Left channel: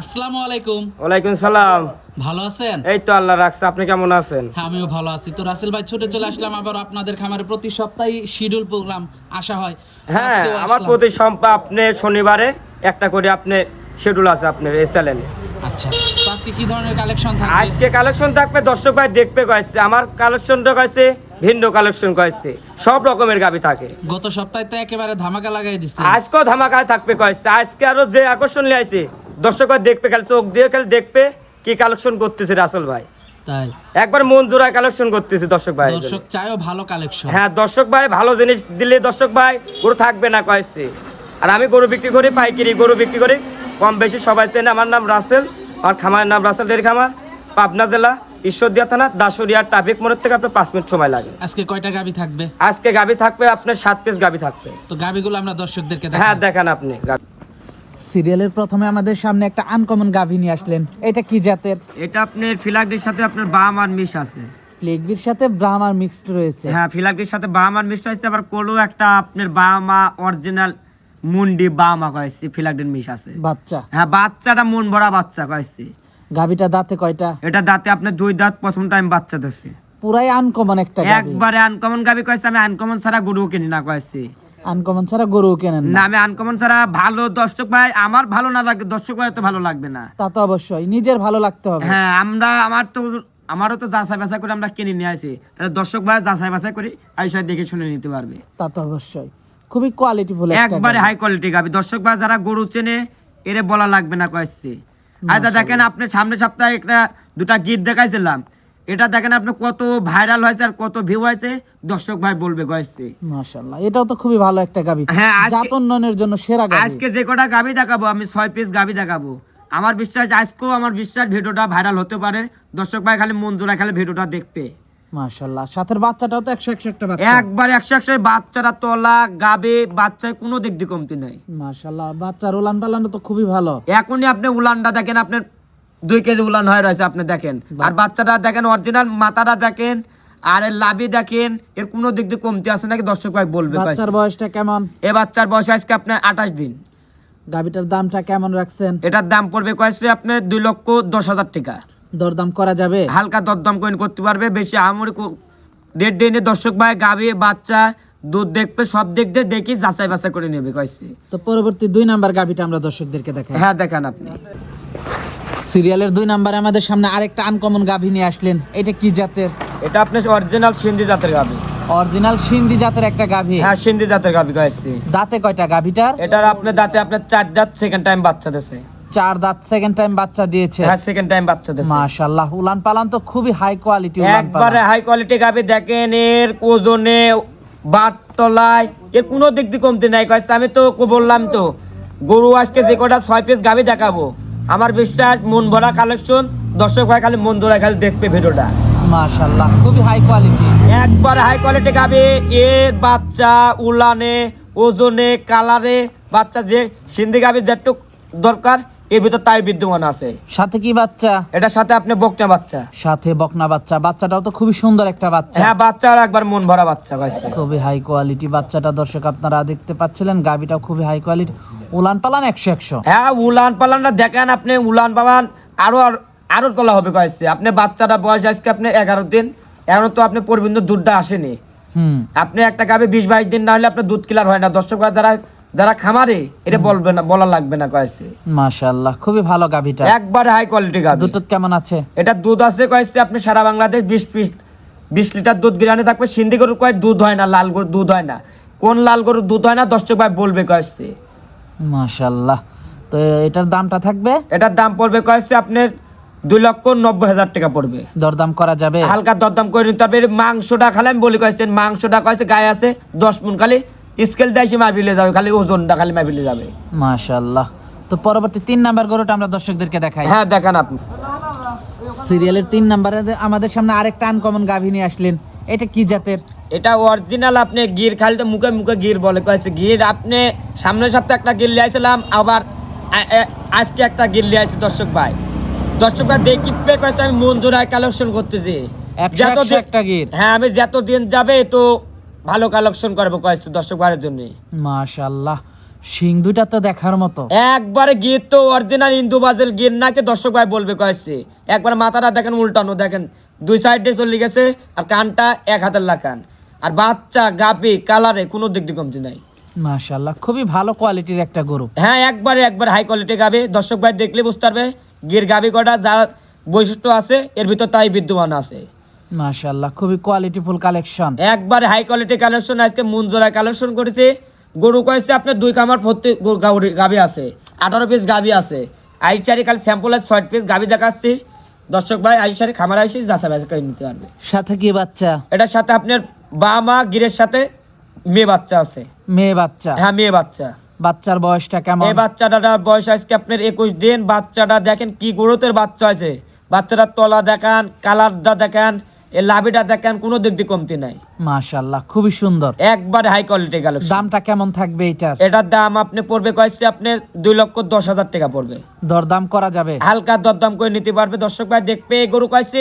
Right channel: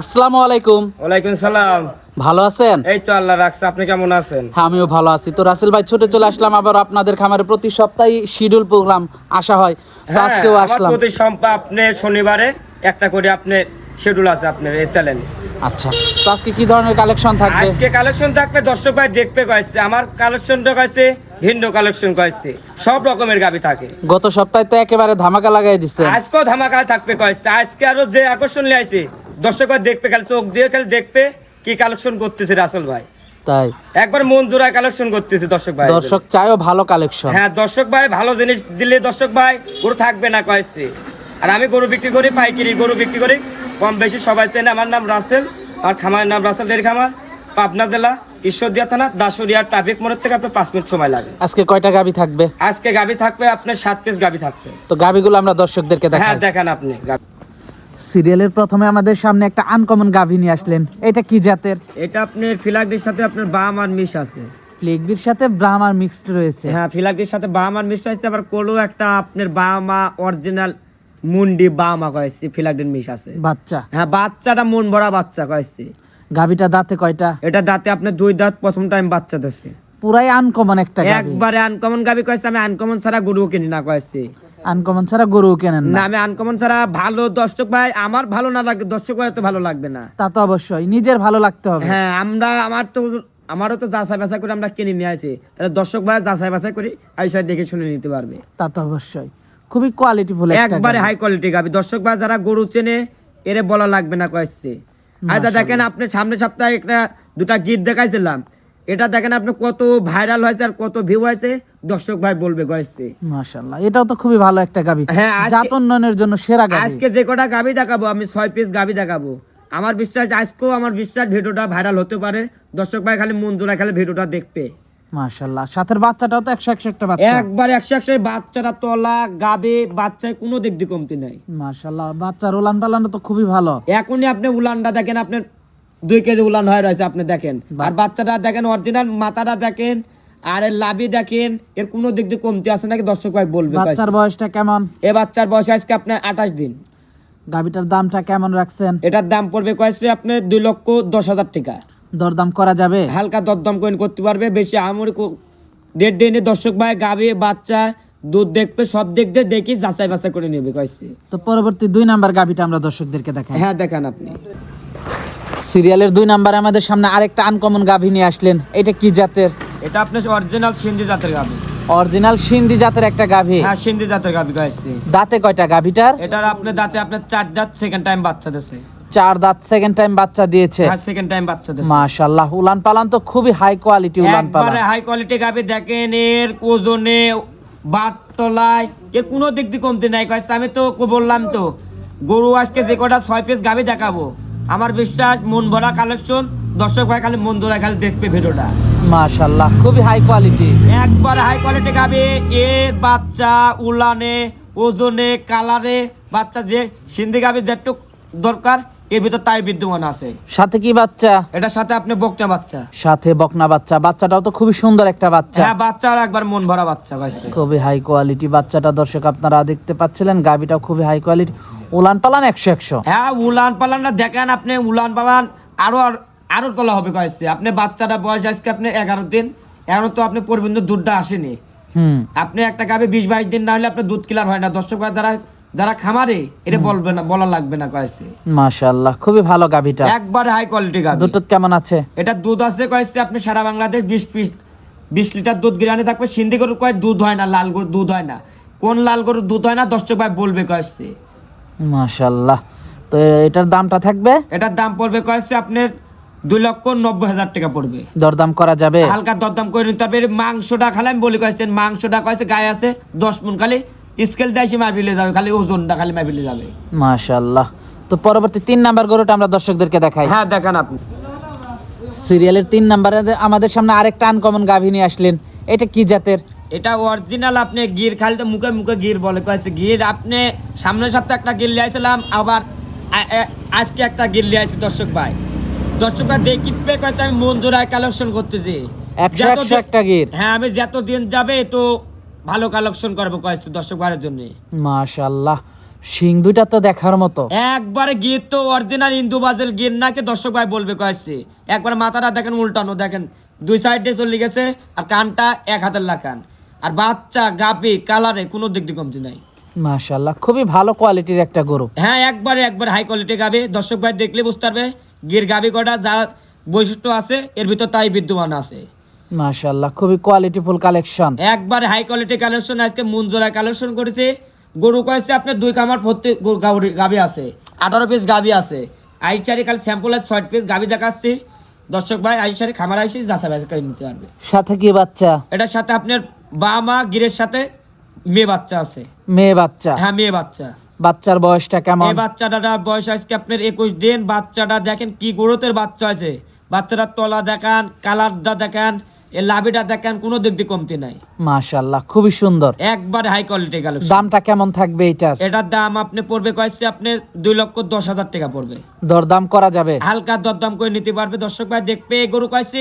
আসসালামু আলাইকুম। ওয়ালাইকুম সালাম। ভালো আছেন? এই তো আল্লাহ রাখছে, আপনি কেমন আছেন? হ্যাঁ, আমিও ভালো আছি। তো রাসেল ভাই, ছুটে চলে আসলাম আবার আপনাদের খামারে। প্রতি সপ্তাহে শিডিউল প্রোগ্রাম আসা হয়, হ্যাঁ, আজকেও আমার আসলাম। প্রতি সপ্তাহে আপনি শনিবারে একটা করে আপনি শিডিউল আছে আপনার এই চ্যানেলে। আচ্ছা, তো আজকে কি ধরনের কালেকশন থাকবে? আজকে কালেকশন থাকবে, দর্শক ভাই দেখবে কয়েছে আমার কালেকশনটা কয়েছে ভিন্ন কালেকশন কয়েছে, সব রকমের গাবি থাকে। গত সপ্তাহে তো একেবারে ধামাকা লাগাই দিচ্ছে। আজকেও ধামাকায় থাকবে কয়েছে। আজকে আরো যে আকর্ষণ নিয়ে আইছে, দর্শক ভাই দেখবে, খালি চোখ দিয়ে খালি দেখবে কি কালেকশন করতেছে রাসেল ভাই। তাই একবার মন জোড়ায় কালেকশন করতেছে দর্শক ভাই। দর্শক চায়ও ভালো কালেকশন। হ্যাঁ, দর্শক ভাই ভালো জিনিস দিলে দর্শক ভাই গরু থাকবে না কয়েছে। আর আমি গরু বিক্রি করি পাইকারি, গরু বিক্রি করি কম বেশি সবাই চেনে। আমার নাম রাসেল, আর খামারের নাম রাসেল ডেয়ারি খামার, পাবনা জেলা, ঈশ্বরদীয়া থানা, দাসুরিয়া ট্রাফিক মোড়ের থেকে আপনার 5 মিনিট সময় লাগে। আজকে কয়টা গাবি থাকবে? আজকে গাবি থাকবে আপনার 7 পিস গাবি থাকবে। তো গাবিগুলো আমরা দর্শকদেরকে হ্যাঁ, দেখাই। দেখান আপনি। সিরিয়ালের প্রথমে আমাদের সামনে একটা আনকমন গাভি নিয়ে আসলেন। এটা কি জাতের? এটা আপনার ফিলাকডির সাথে আপনার বাম আর মিশ আছে। লেগবির সাথে ব্রাহ্মার মিক্সড রয়েছে। হ্যাঁ, ফিলাকডির সাথে বাম আর মিশ আছে, আবার কোলো একটা আপনার বামা অরিজিনাল মুন্ডি বামা কয়েছে, ফিলাকডির মিশ আছে। বাচ্চা? হ্যাঁ, বাচ্চাটা মন ভরা বাচ্চা কয়েছে। গাভিটা দাঁতে কয়টা? এটা দাঁতে আপনার 2 দাঁত, প্রথম টাইম বাচ্চা দিছে। পুরাই আনকমন একটা গাভি। একবারে আনকমন গাবি কয়েছে। আমি আনকমন ছাড়া গরু কিনি না কয়েছে। আনকমন ছাড়া গরু কেনেন না, না? আমি আনকমন ছাড়া ভালো দর্শক ভাই, আমার ভালো না লাগে দর্শক ভাই তো ভালো লাগবে না। তা তো অবশ্যই, নিজের ভালো লাগতে হবে। হ্যাঁ, আমারও তো যাচাই বাছাই করে আমরা কিনে নিয়ে আসি, তাহলে দর্শক ভাই যাচাই বাছাই করে আইসা দেখে শুনে নিতে পারবে। তা তো অবশ্যই, খুবই কোয়ালিটিফুল একবারে হাই কোয়ালিটি গাবি। দর্শক ভাই যারা গরু চেনে এরে বলা লাগবে না কয়েছে। আচ্ছা দেখেন, আপনি সামনে সপ্তাহে একটা দুটা গীত দেখাইছিলাম, এটা দেখেন আপনি কত ভাইরাল হয়েছে আর কত ভিউ হয়েছে, দর্শক ভাই বলবে কয়েছে। মাশাআল্লাহ, এটাও তো খুবই ভালো একটা গাভি। হ্যাঁ, জাত উন্নয়নের জন্য সেরা গাভি। আজকে যে কটা গাভি দেখাবো আমি 6 পিস গাভি দেখাবো। আমার বিশ্বাস আজকেও আমার বিশ্বাস ভিডিওটা ভাইরাল হতে পারে। দর্শক ভাই খালি মন জোড়া খালি ভিডিওটা দেখবে। মাশাআল্লাহ, সাথের বাচ্চাটাও তো 100 একটা বাচ্চা। একবার 100 বাচ্চারা তোলা গাভি বাচ্চায় কোনো দিক দিয়ে কমতি নাই। মাশাআল্লাহ, বাচ্চার উলান পালান তো খুবই ভালো। এখনই আপনি উলানটা দেখেন, আপনার 2 কেজি উলান হয়ে রয়েছে আপনি দেখেন। আর বাচ্চাটা দেখেন, অরিজিনাল মাথাটা দেখেন, আর এর লাভি দেখেন, এর কোনো দিক দিয়ে কমতি আছে নাকি দর্শক ভাই বলবে। বাচ্চার বয়সটা কেমন? এই বাচ্চার বয়স আজকে আপনার 28 দিন। গাভিটার দামটা কেমন রাখছেন? এটার দাম পড়বে কয়েছে আপনার 2,10,000 টাকা। দরদাম করা যাবে? হালকা দরদাম করে করতে পারবে, বেশি আমরি রেট দিয়ে দর্শক ভাই গাভি বাচ্চা দুধ দেখবে, সব দিক দিয়ে দেখি যাচাই বাছাই করে নেবে কয়েছে। তো পরবর্তী 2 নাম্বার গাভিটা আমরা দর্শকদেরকে দেখাই। হ্যাঁ, দেখান আপনি। সিরিয়ালের 2 নাম্বারে আমাদের সামনে আরেকটা আনকমন গাভি নিয়ে আসলেন। এটা কি জাতের? এটা আপনার অরিজিনাল সিন্ধি জাতের গাভি। অরিজিনাল সিন্ধি জাতের একটা গাভি? হ্যাঁ, সিন্ধি জাতের গাভি কয়েছে। দাঁতে কয়টা গাভিটার? এটার আপনার দাঁতে আপনার 4 দাঁত, সেকেন্ড টাইম বাচ্চা দিয়েছে। 4 দাঁত, সেকেন্ড টাইম বাচ্চা দিয়েছে। হ্যাঁ, সেকেন্ড টাইম বাচ্চা দিয়েছে। মাশাআল্লাহ, উলান পালান তো খুবই হাই কোয়ালিটি উলান পালান। একবারে হাই কোয়ালিটি গাভি। দেখেন এর ওজনে, বাট তলায় এর কোনো দিক দিয়ে কমতি নাই কয়েছে। আমি তো বললাম তো, গরু আজকে যে কটা 6 পিস গাভি দেখাবো, আমার বিশ্বাস মন ভরা কালেকশন। দর্শক ভাই খালি মন ধরে খালি দেখবে ভিডিওটা। মাশাআল্লাহ, খুবই হাই কোয়ালিটি। একবারে হাই কোয়ালিটি গাভি। এর বাচ্চা উলানে, ওজনে, কালারে, বাচ্চা যে সিন্ধি গাভি যেটুক দরকার এর ভিতর তাই বিদ্যমান আছে। সাথে কি বাচ্চা? এটার সাথে আপনি বকনা বাচ্চা। সাথে বকনা বাচ্চা। বাচ্চাটাও তো খুবই সুন্দর একটা বাচ্চা। হ্যাঁ, বাচ্চার একবার মন ভরা বাচ্চা গাইছে। খুবই হাই কোয়ালিটি বাচ্চাটা দর্শক আপনারা দেখতে পাচ্ছিলেন। গাভিটাও খুবই হাই কোয়ালিটি, উলান পালান 100। হ্যাঁ, উলান পালানটা দেখেন আপনি, উলান পালান আরো তোলা হবে কয়েছে। আপনি বাচ্চাটা বয়স আজকে আপনি 11 দিন, এখন তো আপনি পর্যন্ত দুধটা আসেনি। আপনি একটা গাভি 20-22 দিন না হলে আপনার দুধ ক্লিয়ার হয় না। দর্শক যারা খামারে এটা বলবে না, বলা লাগবে না কয়েছে। মাশাআল্লাহ, খুবই ভালো গাভিটা। একবারে হাই কোয়ালিটি গাভি। দুধ কেমন আছে? এটা দুধ আছে কয়েছে আপনি সারা বাংলাদেশ 20 লিটার দুধ গিরানে থাকবে। সিন্ধি গরুর কয় দুধ হয় না, লাল গরুর দুধ হয় না। কোন লাল গরুর দুধ হয় না দর্শক ভাই বলবে কয়েছে। মাশাআল্লাহ, তো এটার দামটা থাকবে? এটার দাম পড়বে কয়েছে আপনার 2,90,000 টাকা পড়বে। দরদাম করা যাবে? হালকা দরদাম করে নিতে হবে। মাংসটা খালি আমি বলি কয়েছেন, মাংসটা কয়েছে গায়ে আছে 10 মণ, খালি স্কেল দিয়ে মাপিলে যাবে, খালি ওজনটা খালি মাপিলে যাবে। মাশাআল্লাহ। তো পরবর্তী 3 নাম্বার গরুটা আমরা দর্শকদেরকে দেখাই। হ্যাঁ দেখান আপনি। সিরিয়ালের 3 নাম্বারে আমাদের সামনে আরেকটা আনকমন গাভী নিয়ে আসলেন, এটা কি জাতের? এটা অরিজিনাল আপনি গির, খালি তো মুখে মুখে গির বলে কয়েছে গির। আপনি সামনের সপ্তাহে একটা গির লিয়ে আসছিলাম, আবার আজকে একটা গির লিয়ে আসছি। দর্শক ভাই দেখি কয়েছে আমি মন জোড়ায় কালেকশন করতেছি। একটা গির? হ্যাঁ, আমি যতদিন যাবে তো ভালো কালেকশন করবো কয়েছে দর্শক ভাইয়ের জন্য। মাশাআল্লাহ, শিং দুইটা তো দেখার মতো। একবারে গির তো অরিজিনাল ইন্দু বাজেল গির নাকি দর্শক ভাই বলবে কয়েছে। একবার মাথাটা দেখেন উল্টানো, দেখেন 2 সাইডে চলে গেছে, আর কানটা 1 হাতের লাকান, আর বাচ্চা গাবি কালারে কোনো দিক দিয়ে কমতি নাই। মাশাআল্লাহ, খুবই ভালো কোয়ালিটির একটা গরু। হ্যাঁ, একবার হাই কোয়ালিটি গাবি। দর্শক ভাই দেখলে বুঝতে পারবে গির গাবি কটা যা বৈশিষ্ট্য আছে এর ভিতর তাই বিদ্যমান আছে। মাশাআল্লাহ, খুবই কোয়ালিটিফুল কালেকশন, একবার হাই কোয়ালিটি কালেকশন। আজকে মুনজোড়া কালেকশন করেছে। গরু কয়েছে আপনার 2 কামার প্রত্যেক গাবি আছে, 18 পিস গাবি আছে। আইচারি খালি স্যাম্পল আছে 6 পিস গাবি দেখাচ্ছি দর্শক ভাই। আইচারি খামার আইসি যাচাই বাছাই করে নিতে পারবে। সাথে কি বাচ্চা? এটার সাথে আপনার মা গিরের সাথে মেয়ে বাচ্চা আছে। মেয়ে বাচ্চা? হ্যাঁ, মেয়ে বাচ্চা। বাচ্চার বয়সটা কেমন? এই বাচ্চাটার বয়স আজকে আপনার 21 দিন। বাচ্চাটা দেখেন কি গ্রোথের বাচ্চা আছে। বাচ্চাটার তলা দেখান, কালারটা দেখান, এই লাভিটা দেখেন, কোনো দিক দিয়ে কমতি নাই। মাশাআল্লাহ, খুবই সুন্দর, একবার হাই কোয়ালিটি কালেকশন। দামটা কেমন থাকবে এটার? এটার দাম আপনি পড়বে কয়েছে আপনার 2,10,000 টাকা পড়বে। দরদাম করা যাবে? হালকা দরদাম করে নিতে পারবে দর্শক ভাই। দেখবে গরু কয়েছে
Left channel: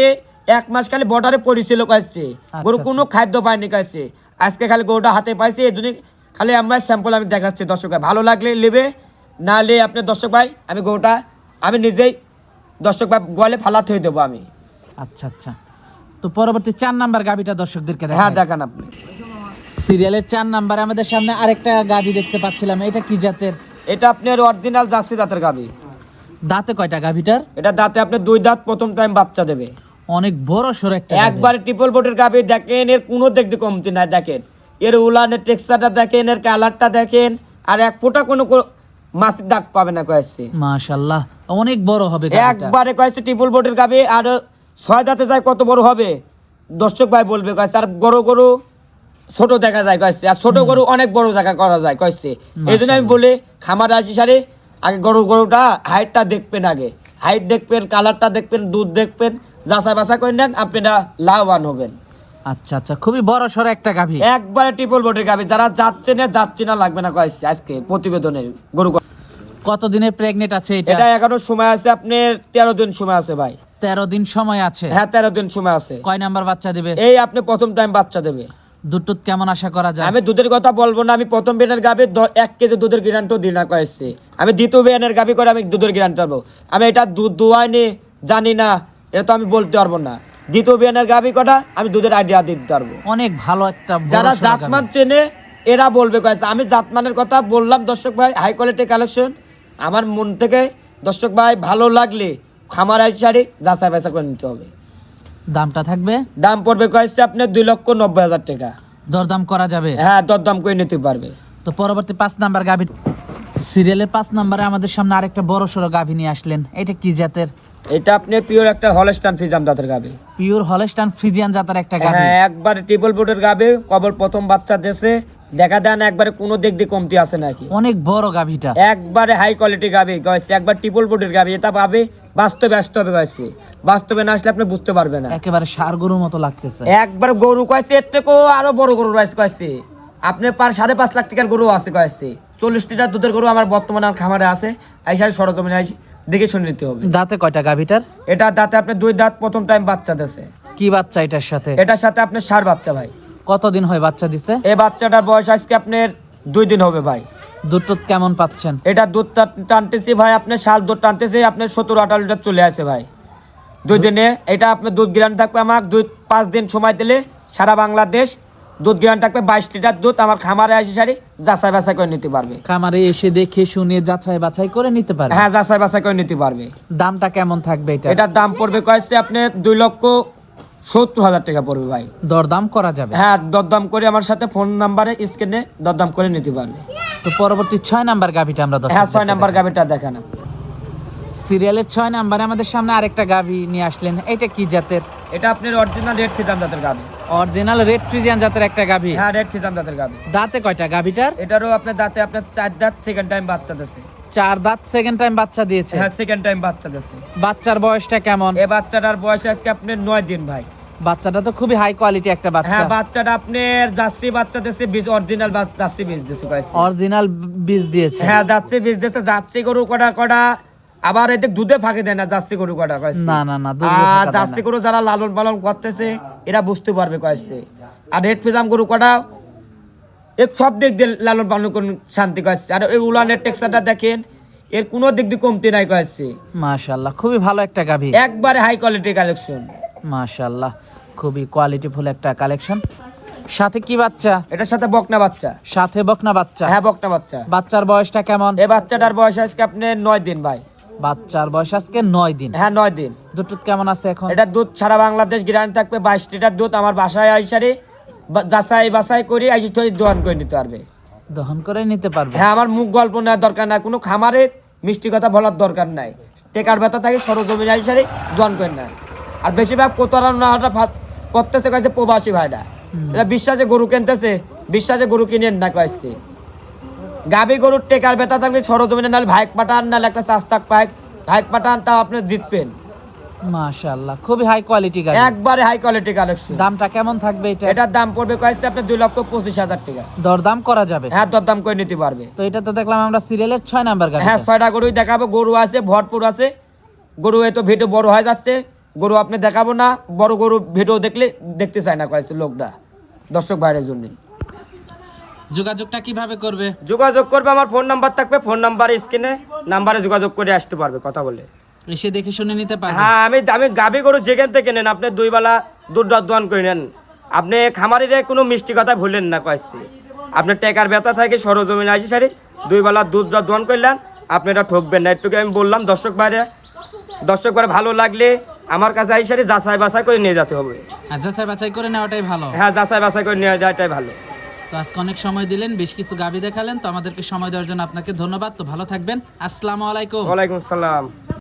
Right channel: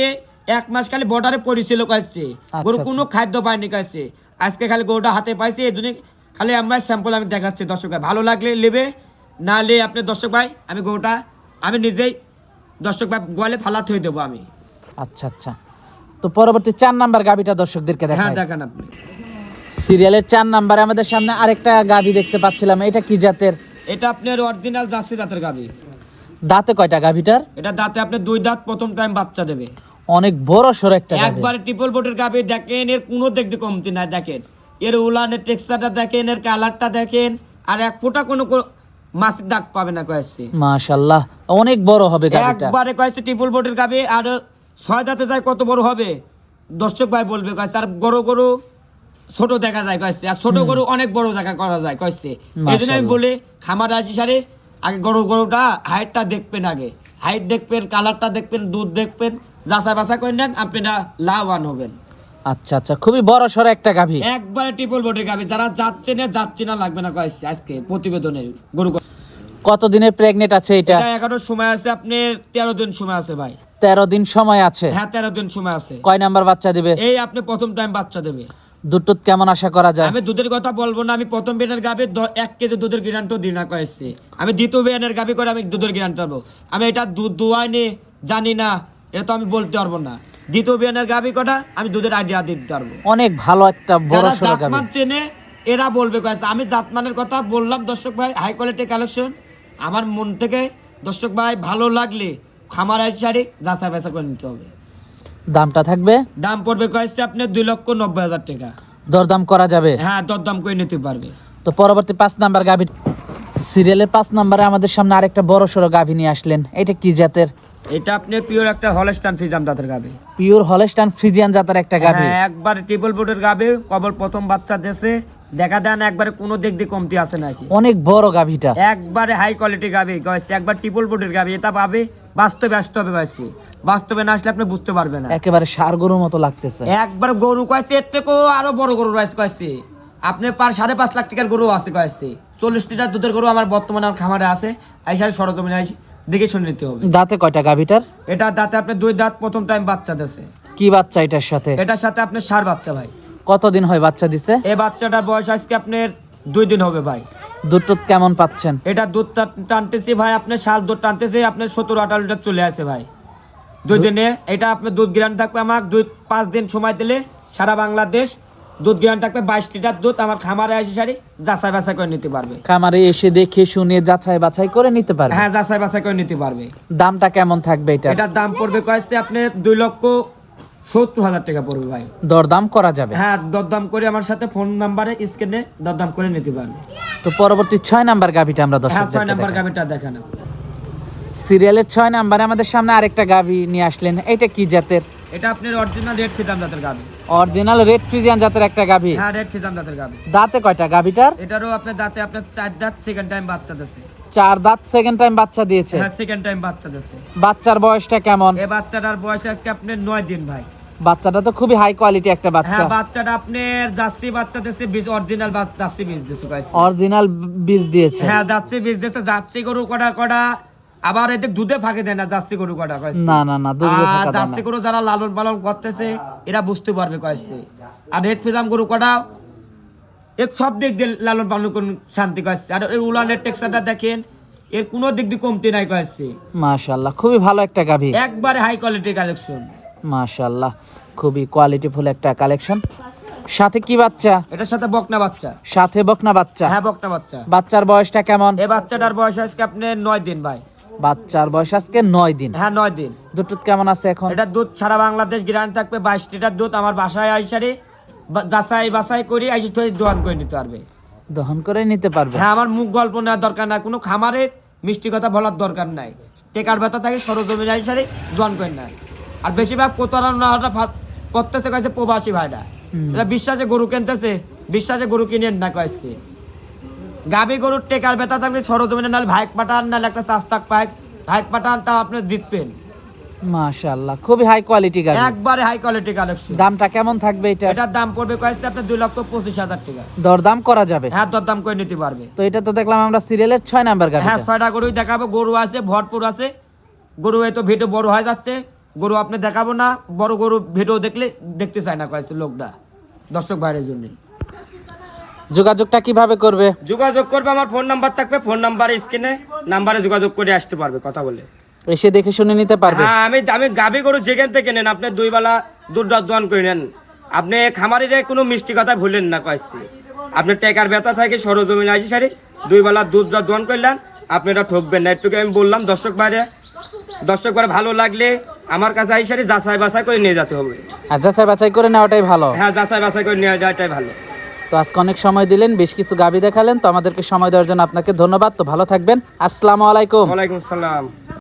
1 মাস খালি বর্ডারে পড়েছিল কয়েছে, গরু কোনো খাদ্য পায়নি কয়েছে। আজকে খালি গরুটা হাতে পাইছে, এই জন্য খালি আমরা স্যাম্পল আমি দেখাচ্ছি দর্শক ভাই। ভালো লাগলে নেবে, না লে আপনি দর্শক ভাই আমি গরুটা আমি নিজেই দর্শক ভাই গোয়ালে ফালাতে হয়ে দেবো আমি। আচ্ছা আচ্ছা। তো পরবর্তী 4 নাম্বার গাবিটা দর্শকদেরকে দেখাই। হ্যাঁ দেখান আপনি। সিরিয়ালের 4 নাম্বারে আমাদের সামনে আরেকটা গাবি দেখতে পাচ্ছিলাম, এটা কি জাতের? এটা আপনার অরিজিনাল জার্সি দাঁতের গাবি। দাঁতে কয়টা গাবিটার? এটা দাঁতে আপনার 2 দাঁত, প্রথম টাইম বাচ্চা দেবে। অনেক বড় সর একটা গাভী। একবারে ট্রিপল বডির গাবি। দেখেন এর কোনো দেখতে কমতি নাই। দেখেন এর উলানের টেক্সচারটা দেখেন, এর কালারটা দেখেন, আর এক ফোঁটা কোনো মাছের দাগ পাবে না কয়েছে। মাশাআল্লাহ, অনেক বড় হবে গাবিটা। একবারে কয়েছে ট্রিপল বডির গাবি। আর 6 দাঁতে যায় কত বড় হবে দর্শক ভাই বলবে কয়েছে। আর গরু ছোট দেখা যায় কয়েছে, আর ছোট গরু অনেক বড় জায়গা করা যায় কয়েছে। এই জন্য আমি বলি খামার আসি সারে আগে গরুটা হাইটটা দেখবেন, আগে হাইট দেখবেন, কালারটা দেখবেন, দুধ দেখবেন, যাচাই বাছাই করে নেন, আপনারা লাভবান হবেন। আচ্ছা আচ্ছা, খুবই বড় সর একটা গাভী। একবারে ট্রিপল বডির গাবি। যারা যাচ্ছে না লাগবে না কয়েছে। আজকে প্রতিবেদনের গরু কত দিনের প্রেগনেন্ট আছে এটা? এটা 11 সময় আছে আপনার, 13 দিন সময় আছে ভাই। 13 দিন সময় আছে? হ্যাঁ 13 দিন সময় আছে। কয় নাম্বার বাচ্চা দিবে? এই আপনি প্রথম টাইম বাচ্চা দেবে। দুধ কেমন আশা করা যায়? আমি দুধের কথা বলবো না। আমি প্রথম বিয়ানের গাবি 1 কেজি দুধের গ্যারান্টিও দিই না কয়েছে। আমি দ্বিতীয় বিয়ানের গাবি করে আমি দুধের গ্যারান্টি পাবো। আমি এটা দুধ দোয়াইনি জানি না, এটা তো আমি বলতে পারবো না। দ্বিতীয় বিয়ানের গাবি কটা আমি দুধের আইডিয়া দিতে পারবো। অনেক ভালো একটা বড় যারা সর গাভী। জাতমান চেনে এরা বলবে কয়েছে। আমি জাতমানের কথা বললাম দর্শক ভাই, হাই কোয়ালিটি কালেকশন। আমার মন থেকে দর্শক ভাই ভালো লাগলে খামার আইসারি যাচাই বাছাই করে নিতে হবে। দামটা থাকবে? দাম পড়বে কয়েছে আপনার 2,90,000 টাকা। দরদাম করা যাবে? হ্যাঁ দরদাম করে নিতে পারবে। তো পরবর্তী 5 নাম্বার গাভী সিরিয়ালের 5 নাম্বারে আমাদের সামনে আরেকটা বড় সড়ো গাভী নিয়ে আসলেন, এটা কি জাতের? এটা আপনি পিওর একটা হলস্টাইন ফ্রিজিয়ান জাতের গাবে। পিওর হলস্টাইন ফ্রিজিয়ান জাতের একটা গাভী? হ্যাঁ একবারে ট্রিপল বডির গাবে। কবর প্রথম বাচ্চা দেশে দেখা দেন, একবারে কোনো দিক দিয়ে কমতি আছে নাকি? অনেক বড় গাভীটা। একবারে হাই কোয়ালিটি গাবে গয়েছে, একবার ট্রিপল বডির গাবে। এটা পাবে বাস্তবে আসতে হবে গয়েছে, বাস্তবে না আসলে আপনি বুঝতে পারবেন না। একেবারে ষাঁড় গরুর মতো লাগতেছে। একবার গরু কয়েছে, এর থেকেও আরো বড় গরু রয়েছে কয়েছে। আপনি 5.5 লাখ টাকার গরু আছে কয়েছে। 40 লিটার দুধের গরু আমার বর্তমানে আমার খামারে আছে। আইসার সরজমিনে আইসি দেখে শুনে নিতে হবে। দাঁতে কয়টা গাভীটার? এটা দাঁতে আপনি 2 দাঁত, প্রথম টাইম বাচ্চা দেশে। কি বাচ্চা এটার সাথে? এটার সাথে আপনার ষাঁড় বাচ্চা ভাই। কতদিন হয় বাচ্চা দিছে? এই বাচ্চাটার বয়স আজকে আপনার 2 দিন হবে ভাই। দুধ কেমন পাচ্ছেন? এটা দুধ টানতেছি ভাই, আপনার শাল দুধ টানতেছি আপনার 17-18 লিটার চলে আসে ভাই 2 দিনে। এটা আপনার দুধ গ্রান থাকবে আমার 2-5 দিন সময় দিলে সারা বাংলাদেশ দুধ গ্রান থাকবে 22 লিটার দুধ। আমার খামারে আসি সারি যাচাই বাছাই করে নিতে পারবে। খামারে এসে দেখে শুনে যাচাই বাছাই করে নিতে পারবে? হ্যাঁ যাচাই বাছাই করে নিতে পারবে। দামটা কেমন থাকবে এটা? এটার দাম পড়বে কয়েছে আপনি 2,70,000 টাকা পড়বে ভাই। দরদাম করা যাবে? হ্যাঁ দরদাম করে আমার সাথে ফোন নাম্বারে স্ক্রিনে দরদাম করে নিতে পারবে। তো পরবর্তী 6 নাম্বার গাভীটা আমরা হ্যাঁ 6 নাম্বার গাভিটা দেখান। সিরিয়ালের 6 নাম্বারে আমাদের সামনে আরেকটা গাভী নিয়ে আসলেন, এটা কি জাতের? এটা আপনার অরিজিনাল রেড ফিজাম জাতের গাভী। অরিজিনাল রেড ফ্রিজিয়ান জাতের একটা গাভী। হ্যাঁ, রেড ফিজাম জাতের গাভী। দাঁতে কয়টা গাভীটার? এটারও আপনার দাঁতে আপনার 4 দাঁত, সেকেন্ড টাইম বাচ্চা দিয়েছে। 4 দাঁত, সেকেন্ড টাইম বাচ্চা দিয়েছে। হ্যাঁ, সেকেন্ড টাইম বাচ্চা দিয়েছে। বাচ্চার বয়সটা কেমন? এই বাচ্চাটার বয়স আজকে আপনার 9 দিন ভাই। বাচ্চাটা তো খুবই হাই কোয়ালিটি একটা বাচ্চা। হ্যাঁ, বাচ্চাটা আপনার জার্সি বাচ্চা দিয়েছে, বীজ অরিজিনাল জার্সি বীজ দিয়েছে কয়েছে। অরিজিনাল বীজ দিয়েছে। হ্যাঁ, জার্সি বীজ দিয়েছে। জার্সি গরু কটা আবার এতে দুধে ফাঁকে দেয় না, জার্সি গরু কটা কয়েছে। না না না, দুধে আর ফাঁকা দেয় জার্সি না। গরু যারা লালন পালন করতেছে এরা বুঝতে পারবে কয়েছে। আর রেড ফিজাম গরু কটা এর সব দিক দিয়ে লালন পালন করুন শান্তি কয়েছে। আর এই উলানের টেক্সচারটা দেখেন, এর কোনো দিক দিয়ে কমতি নাই কয়েছে। মাশাআল্লাহ, খুবই ভালো একটা গাভী। একবারে হাই কোয়ালিটি কালেকশন। মাশাআল্লাহ, খুবই কোয়ালিটিফুল একটা কালেকশন। সাথে কি বাচ্চা? এটার সাথে বকনা বাচ্চা। সাথে বকনা বাচ্চা। হ্যাঁ, বকনা বাচ্চা। বাচ্চার বয়সটা কেমন? এই বাচ্চাটার বয়স আজকে আপনার 9 দিন ভাই। বাচ্চার বয়স আজকে 9 দিন। হ্যাঁ, 9 দিন। দুধ কেমন আছে এখন? এটা দুধ সারা বাংলাদেশ গ্যারান্টি থাকবে। 22 লিটার দুধ আমার বাসায় আইসারে যাচাই বাছাই করে আইসি থেকে দোয়ান করে নিতে পারবে। দহন করে নিতে পারবে। হ্যাঁ, আমার মুখ গল্প নেওয়ার দরকার নাই, কোনো খামারের মিষ্টি কথা বলার দরকার নাই। টেকার ব্যথা থাকে সরজমিন আইসারে দোয়ান করে নেয়। আর বেশিরভাগ প্রতারণাটা করতেছে কাছে প্রবাসী ভাইরা। এরা বিশ্বাসে গরু কিনতেছে, বিশ্বাসে গরু কিনেন না কয়েছে। গাবি গরুর টেকার ব্যথা থাকলে সরজমিনে নাহলে ভাইক পাঠান, নাহলে একটা চাস্তাক ভাইক পাঠান, তা আপনি জিতবেন। মাশাআল্লাহ, খুবই হাই কোয়ালিটি গাভী। একবারে হাই কোয়ালিটি কালেকশন। দামটা কেমন থাকবে এটা? এটার দাম পড়বে কয়েছে আপনার 2,25,000 টাকা। দরদাম করা যাবে? হ্যাঁ, দরদাম করে নিতে পারবে। তো এটা তো দেখলাম আমরা সিরিয়ালের 6 নাম্বার গাভী। হ্যাঁ, 6টা গরুই দেখাবো। গরু আছে ভরপুর আছে। গরু এত ভিডিও বড় হয়ে যাচ্ছে, গরু আপনি দেখাবো না। বড় গরু ভিডিও দেখলে দেখতে চায় না কয়েছে লোকটা, দর্শক ভাইয়ের জন্য। যোগাযোগটা কিভাবে করবে? যোগাযোগ করবে, আমার ফোন নাম্বার থাকবে। ফোন নাম্বারে স্ক্রিনে নাম্বারে যোগাযোগ করে আসতে পারবে, কথা বলে। এসে দেখে শুনে নিতে পারবে? হ্যাঁ, আমি গাবি গরু যেখান থেকে নেন আপনি 2 বেলা দুধ দোয়ান করে নেন। আপনি খামারিরে কোনো মিষ্টি কথা ভুলেন না কয়েছে। আপনি টেকার ব্যথা থাকে সরজমিন আসি সারি 2 বেলা দুধ দোয়ান করলেন, আপনি এটা ঠকবেন না। একটুকে আমি বললাম দর্শক ভাইরে ভালো লাগলে আমার কাছে আইসি সারি যাচাই বাছাই করে নিয়ে যেতে হবে। আর যাচাই বাছাই করে নেওয়াটাই ভালো। হ্যাঁ, যাচাই বাছাই করে নিয়ে যাওয়াটাই ভালো। তো আজকে অনেক সময় দিলেন, বেশ কিছু গাভী দেখালেন, তো আমাদেরকে সময় দেওয়ার জন্য আপনাকে ধন্যবাদ। তো ভালো থাকবেন। আসসালামু আলাইকুম। ওয়ালাইকুম আসসালাম।